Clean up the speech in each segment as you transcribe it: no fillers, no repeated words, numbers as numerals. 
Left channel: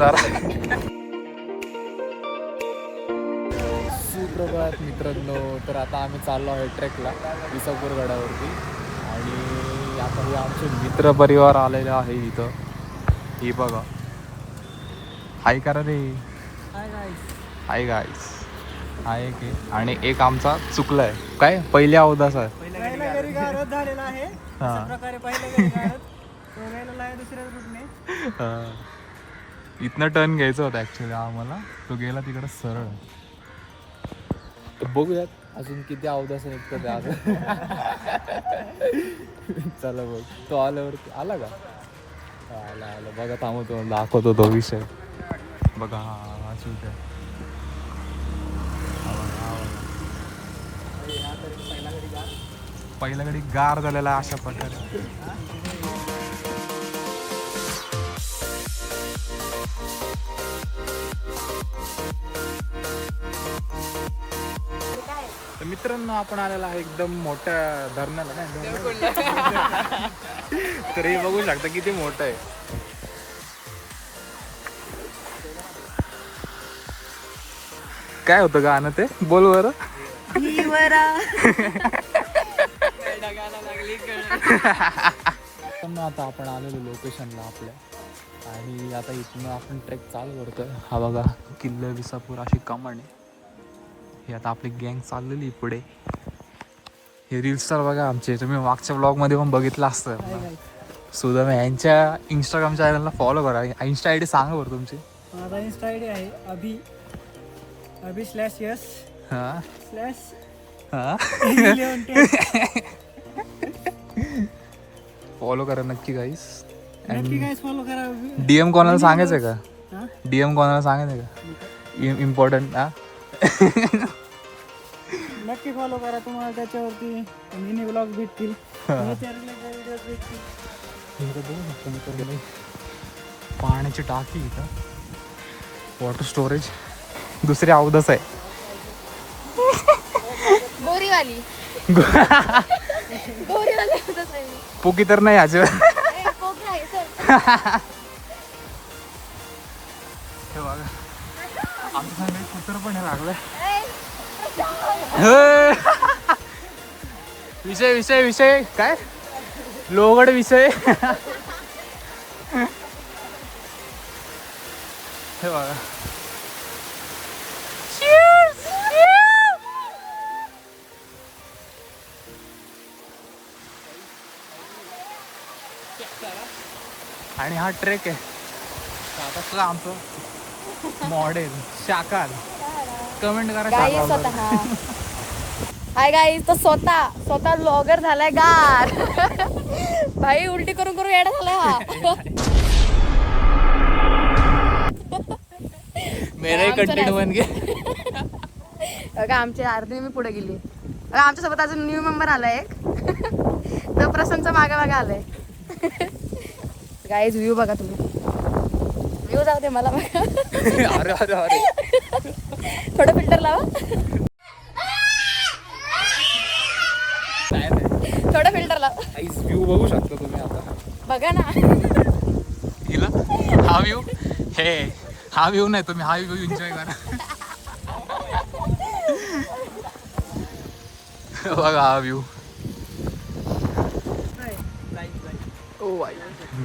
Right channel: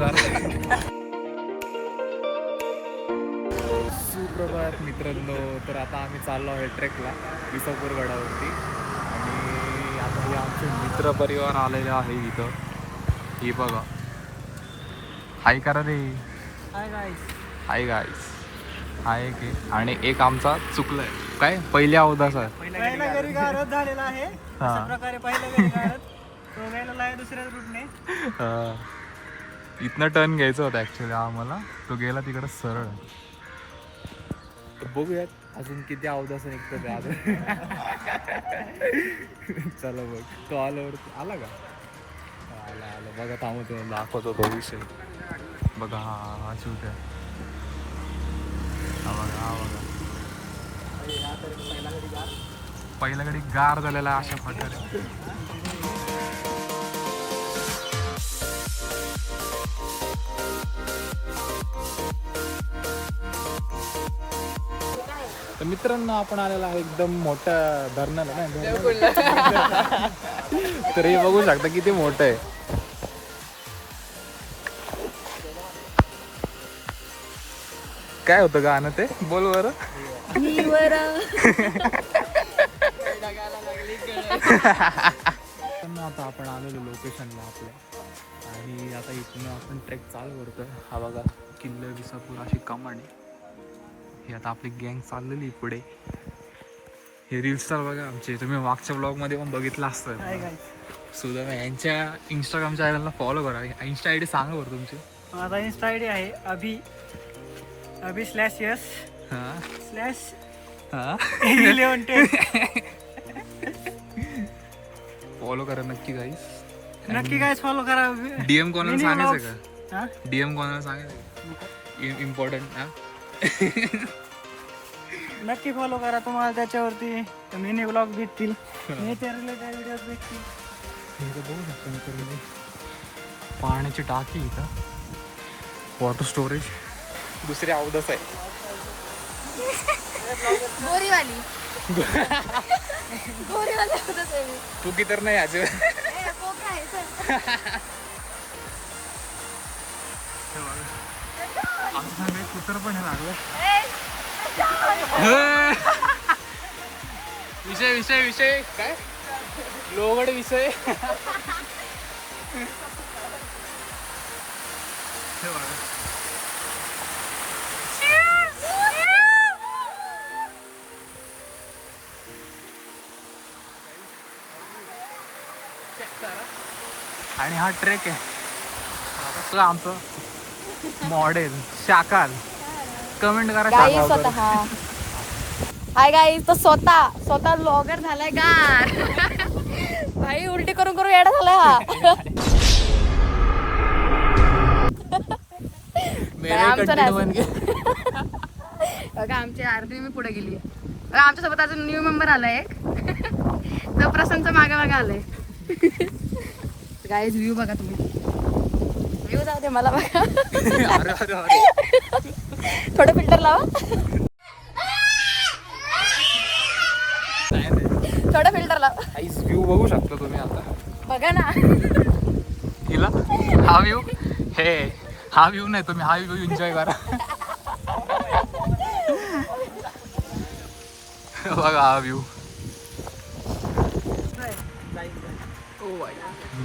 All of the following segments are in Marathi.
जरा. सुप्रभात मित्रांनो. तर आता आम्ही चाललो आहे ट्रेकला विसापूर गडावरती आणि आता हे आमचे मित्र परिवार आलेले आहे इथं. हे बघा. हाय करा रे. Hi guys. आहे की आणि एक आमचा चुकलाय काय पहिल्या अवदास आहे. पहिला घरी गारद झालेला आहे अशा प्रकारे पहिला घरी गारद तो गेलेला आहे दुसऱ्या रूटने. इथनं टर्न घ्यायचं होतं ऍक्च्युली आम्हाला. तो गेला तिकडं सरळ. बघूयात अजून किती अवदास निघतं ते आता. चला बघ. तो आल्यावर आला का? आला आला बघा. थांबतो दाखवतो तो विषय. बघा हा शूट आहे. पहिल्या घडी गार झालेला अशा प्रकारे. तर मित्रांनो आपण आलेला आहे एकदम मोठ्या धरणाला. नाही तर हे बघू शकता किती मोठं आहे. काय होतं गाणं ते बोल बरं. आता आपण आलेलो लोकेशनला आपल्या आणि आता इथून आपण ट्रेक चालू करतो. हा बघा किल्ला विसापूर अशी कमांड आहे. हे आता आपली गँग चाललेली पुढे. हे रील स्टार बघा आमचे. तुम्ही मागच्या ब्लॉगमध्ये पण बघितलं असतं. सुद्धा मी यांच्या इंस्टाग्राम चॅनलला फॉलो करा. इंस्टा आय डी सांगा बरं तुमची. माझा इंस्टा आय डी आहे अभि/यस फॉलो करा नक्की गाईस. नक्की गाईस फॉलो करा. डीएम कोणाला सांगायचं का? डीएम कोणाला सांगायचं का? इम्पॉर्टंट. नक्की फॉलो करा. तुम्हाला त्याच्यावरती मिनी ब्लॉग भेटतील. व्हिडिओज भेटतील. बघू शकतो मित्रांनो पाण्याची टाकी इथं. Water storage. दुसरी अवधच आहे. गोरीवाली पुकी तर नाही अजिबात. आमच्या सांगाय कुत्र पण हे लागलं. विषय विषय विषय काय लोगड विषय. हे बघा. आणि हा ट्रेक आहे आता आमचं मॉडेल शाकाल. कमेंट करा गाईस स्वतः. Hi guys. तो स्वतः ब्लॉगर झालाय गार. भाई उलटी करून करून येडा झाला हा. बघा आमची आरती मी पुढे गेली. आमच्या सोबत अजून न्यू मेंबर आलाय एक. तो प्रशांतच्या मागे मागे आलाय. गाईज व्ह्यू बघा तुम्ही. व्ह्यू जाऊ दे मला बघा. थोडं फिल्टर लावा. थोडं फिल्टर लावा. व्ह्यू बघू शकता तुम्ही आता. बघा ना. हिला हा व्ह्यू. हे हा व्ह्यू नाही तुम्ही हा व्ह्यू एन्जॉय करा. बघा हा व्ह्यू.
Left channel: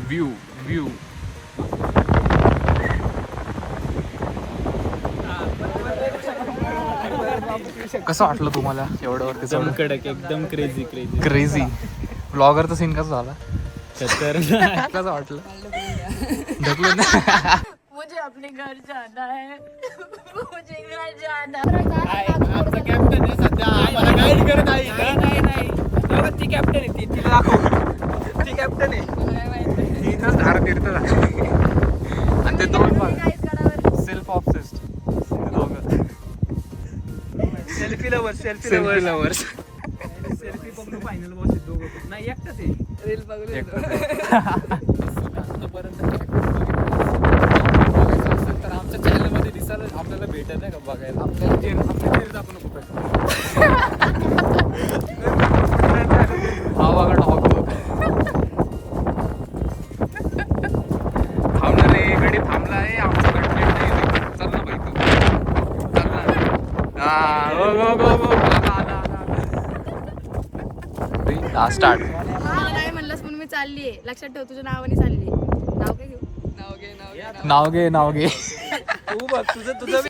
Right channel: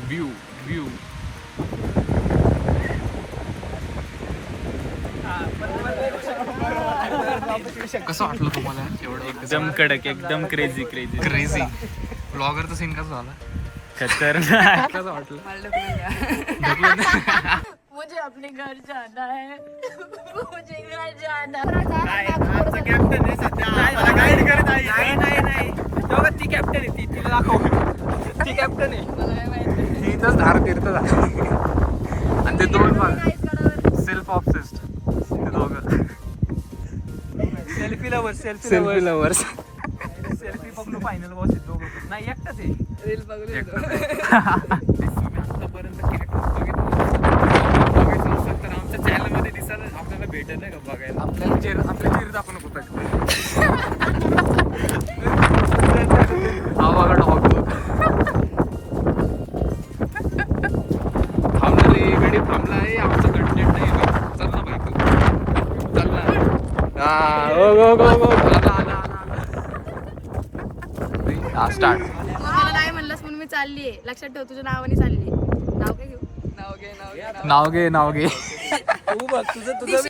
View view. कसं वाटलं तुम्हाला एवढं वरती? एकदम कडक एकदम क्रेझी क्रेझी. ब्लॉगरचा सीन कसा झाला? कसं वाटलं? ढकलून. मुझे अपने घर जाना है. मुझे घर जाना. आमचा कॅप्टन आहे सध्या आम्हाला गाईड करत आहे. नाही दोघं ती कॅप्टन आहे. ती दाखव. ती कॅप्टन आहे. इथंच धार तीर्थ झाली. आणि ते दोन बघ सेल्फ ऑब्सेस्ड. ते दोघं selfie lovers. Selfie lovers. Selfie पकडू फायनल बॉस आहेत दोघं. नाही एकटाच आहे. रील बघू. आतापर्यंत बघायचं असेल तर आमच्या चॅनलमध्ये दिसायला आपल्याला भेटत नाही का बघायला. आपल्याला चेहरा दाखवू नको. हा बघा डॉग. थांबणार रे गडी थांबला आहे आमचा. हा स्टार्ट. तू मला नाही म्हणलंस म्हणून मी चाललीये. लक्षात ठेव तुझ्या नावाने चालली. नाव काय घेऊ? नाव घे नाव घे. तू बघ तुझं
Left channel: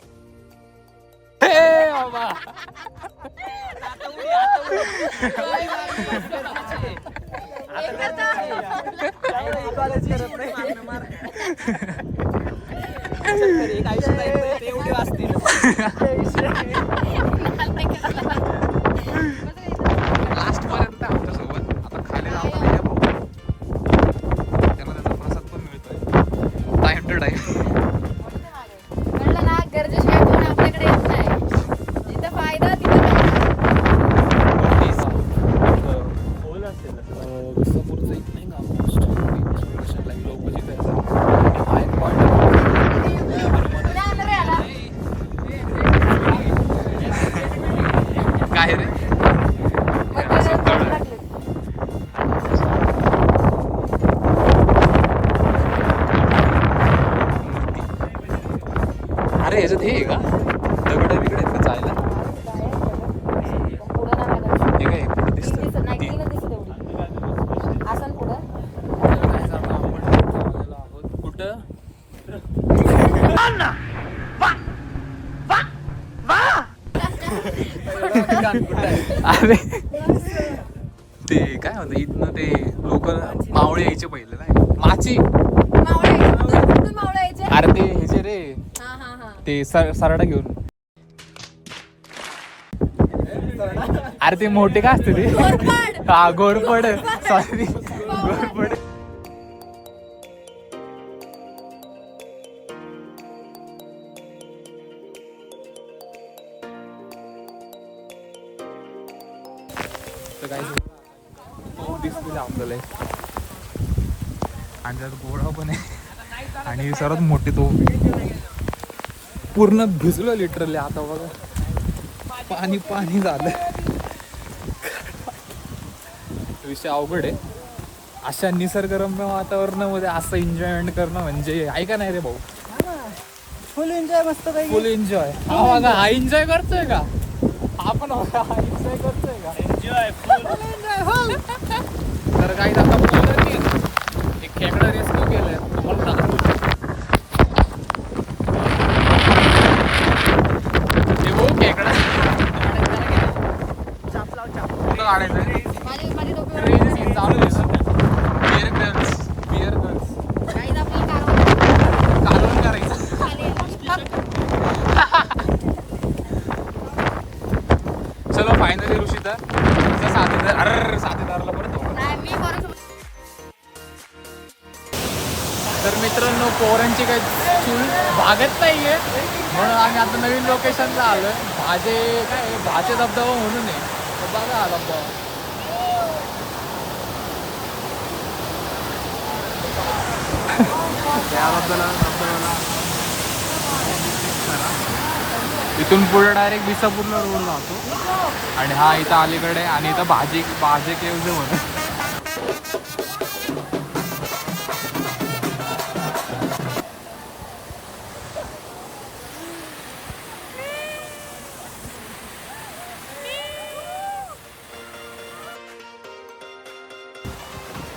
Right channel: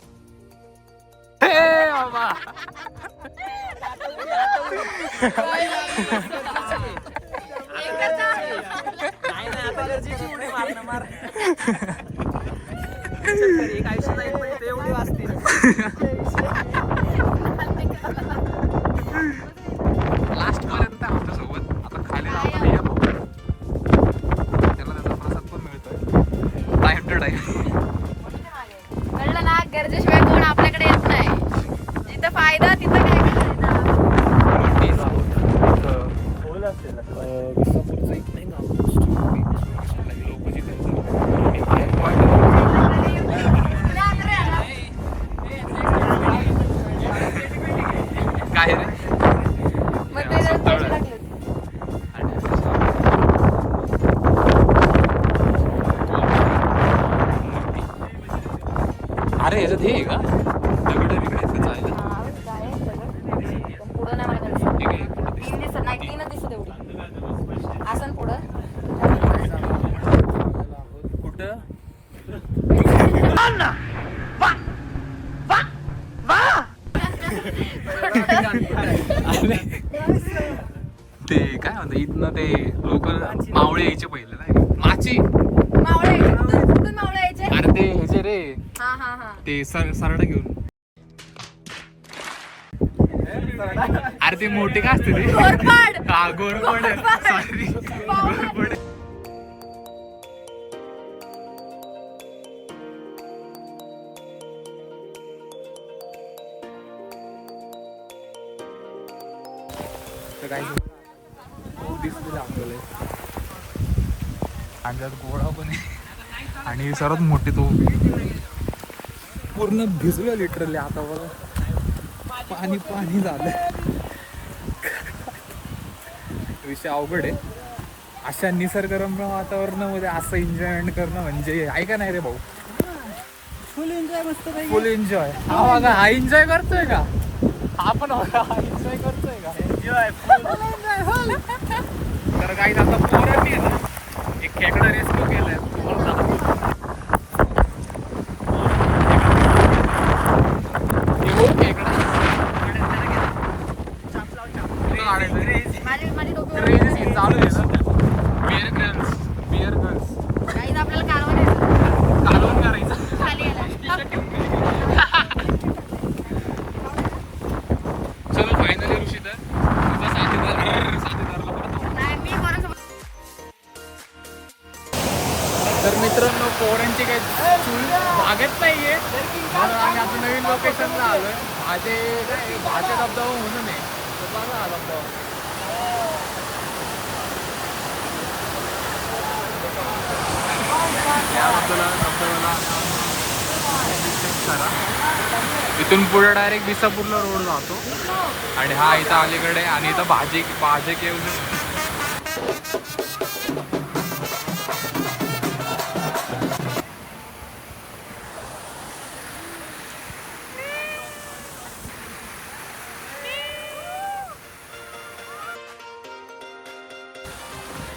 हे बाबा. एवढी वाजते. लास्ट पर्यंत आमच्या सोबत. आता खाली जाताना या भाऊ. त्याला त्याचा प्रसाद पण मिळतोय टाइम टू टाइम. कळलं ना, गरजेशिवाय कोण आपल्याकडे येत नाही. जिथं फायदा तिथं विसापूरचं एक नाही ना लोक काय रे असं तळ आहे. अरे याच्यात हे आहे का दगड बिगड आहेत का चायला? पुढं नाही माहिती. हे काय तीन दिसत नाही, तीनच दिसत एवढी. असं पुढं आहोत कुठं? अरे ते काय म्हणतात इथनं ते लोक मावळे यायचे पहिले नाही माची. मावळे कुठून मावळे यायचे? अरे ते ह्याचे रे हा हा हा. ते सरडा घेऊन. अरे ते मोठे काय असते ते? घोरपड. हा घोरपड. सॉरी घोरपड. तर काही खूप दिसलेलं आपल्याला आणि त्यात गोळा पण आहे आणि सर्वात मोठी तो पूर्ण भिजलो लिटरली. आता बघा पाणी पाणी झालं. विषय अवघड आहे. अशा निसर्गरम्य वातावरणामध्ये असं एन्जॉयमेंट करणं म्हणजे ऐका नाही रे भाऊ. फुल एन्जॉय मस्त काही. फुल एन्जॉय. हा बघा हा एन्जॉय करतोय का? हा पण बघा हा एन्जॉय करतोय का? एन्जॉय फुल एन्जॉय. तर काही आता पोरांनी एक खेकडा रेस्क्यू केलंय. तुम्हाला सांगतो. हे बघ खेकडा कुठं काढायचं? माझी डोकं ट्रेन चालू आहे ना. बिअर गर्ल्स गाईज आपल्याला कालवण करायचं. खाली यायला. चलो फायनली ऋषिता तुझा साथीदाराला परत येऊ. नाही, मी कोणासोबत तर मित्रांनो पोरांची काही चूक भागत नाहीये म्हणून आम्ही आता नवीन लोकेशनला आलो. भाचे धबधबा म्हणून आहे. तर बघा हा धबधबा. त्याबद्दल धबधब्याला करा. इथून पुढे डायरेक्ट विसापूरला रोड जातो आणि हा इथं अलीकडे आणि इथं भाजे केवजे म्हणून.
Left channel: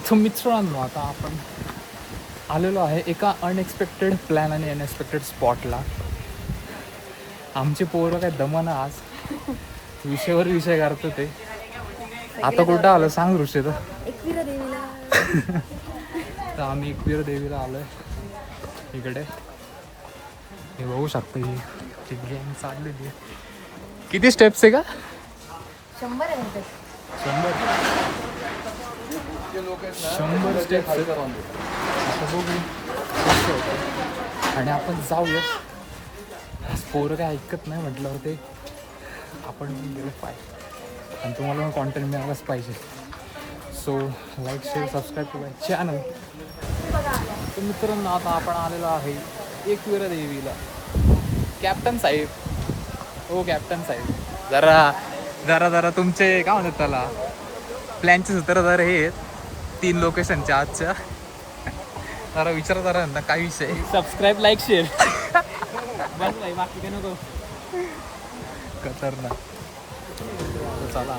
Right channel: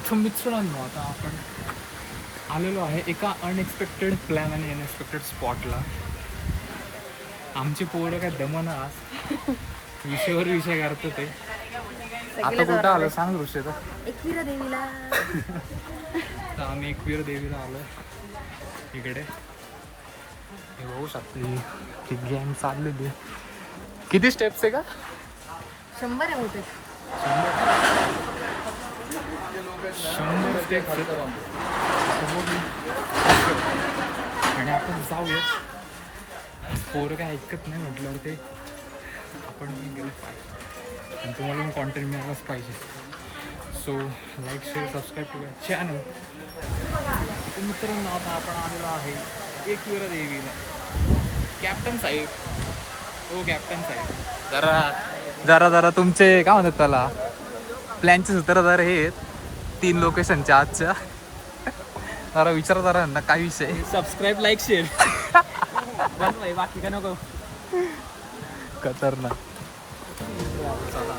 तर मित्रांनो आता आपण आलेलो आहे एका अनएक्सपेक्टेड प्लॅन आणि अनएक्सपेक्टेड स्पॉटला. आमचे पोरं काय दमाना आज विषयावर विषय करतो ते. आता कुठं आलं सांग ऋषी. तर एकविरा देवीला. तर आम्ही एकवीर देवीला आलो इकडे. हे बघू शकतो ही गँग चाललेली. किती स्टेप्स आहे का? 100 आहे मोठे. 100 स्टेप्स आहेत. आता बघू कसं होतं. आणि आपण जाऊया. पोरं काय ऐकत नाही म्हटल्यावर ते आपण गेलं पाहिजे आणि तुम्हाला पण कॉन्टेंट मिळालाच पाहिजे. So like share subscribe to my channel. तर मित्रांनो आता आपण आलेलो आहे एकविरा देवीला. कॅप्टन साहेब हो कॅप्टन साहेब जरा तुमचे काय म्हणतात त्याला प्लॅनचे सूत्र जरा हे आहेत 3 लोकेशनच्या आजच्या. जरा विचार जरा ना काय विषय. Subscribe like share. बस भाई बाकी काय नको. खतरनाक. चला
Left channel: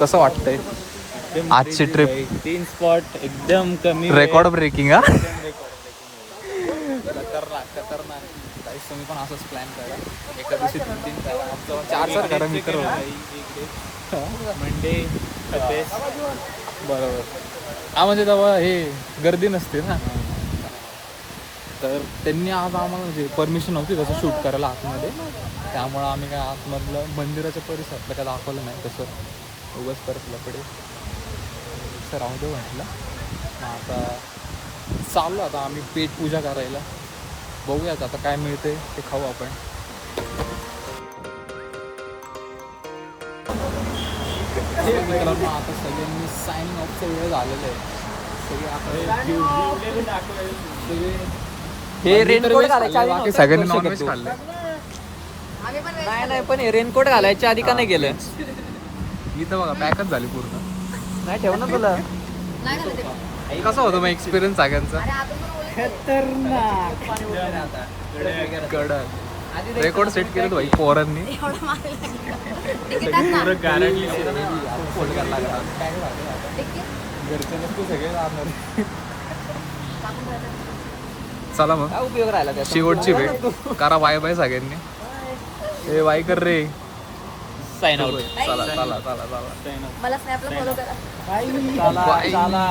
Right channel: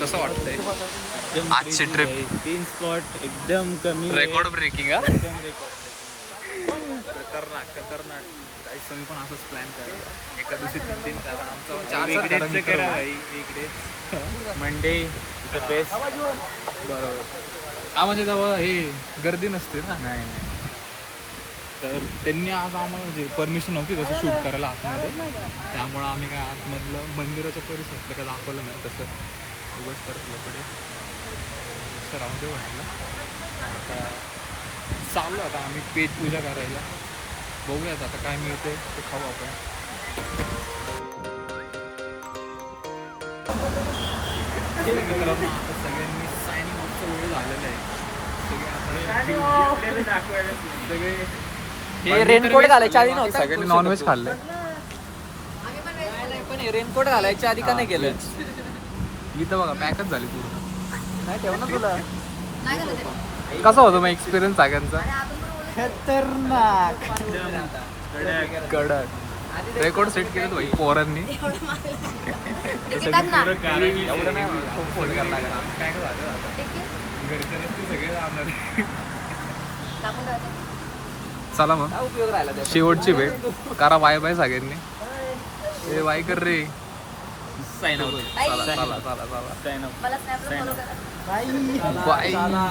कसं वाटतंय आजची ट्रिप? 3 स्पॉट एकदम कमी रेकॉर्ड ब्रेकिंग हा. खतरनाक. काहीच तुम्ही पण असंच प्लॅन करा. एका दिवशी 3 करा. आमचं 4 करा मित्र. मंडे बरोबर. हा म्हणजे तेव्हा हे गर्दी नसते ना. तर त्यांनी आज आम्हाला म्हणजे परमिशन नव्हती तसं शूट करायला आतमध्ये. त्यामुळं आम्ही काय आतमधलं मंदिराच्या परिसरातलं काय दाखवलं नाही तसं. उगाच करतल्याकडे राहू दे म्हटलं. आता चाललो आता आम्ही पेट पूजा करायला. बघूयात आता काय मिळते ते खाऊ आपण. मित्रांनो आता सगळ्यांनी सायनिंग ऑफचा वेळ झालेला आहे. सगळे आता सगळे हे रेनकोट घालायच्या आधी नव्हतं. सगळ्यांनी नॉनव्हेज खाल्लं. नाही पण रेनकोट घालायच्या आधी का नाही गेलं? इथं बघा पॅकच झाली पूर्ण. नाही ठेव ना तुला. नाही झालं ते. कसा होतो मग एक्सपिरियन्स सगळ्यांचा? खतरनाक. कडक. रेकॉर्ड सेट केलं भाई पोरांनी. तिकीट ना. फोन करायला लागला. पॅक झालं आता. तिकीट घरचे नसते सगळे जाणार. टाकून जायचं. चला मग काय उपयोग राहिला त्याचा? शेवटची भेट करा. बाय बाय सगळ्यांनी. ए बाय कर रे. Sign out. चला चला चला चला मला स्नॅपला फॉलो करा. बाय. बाय. चला.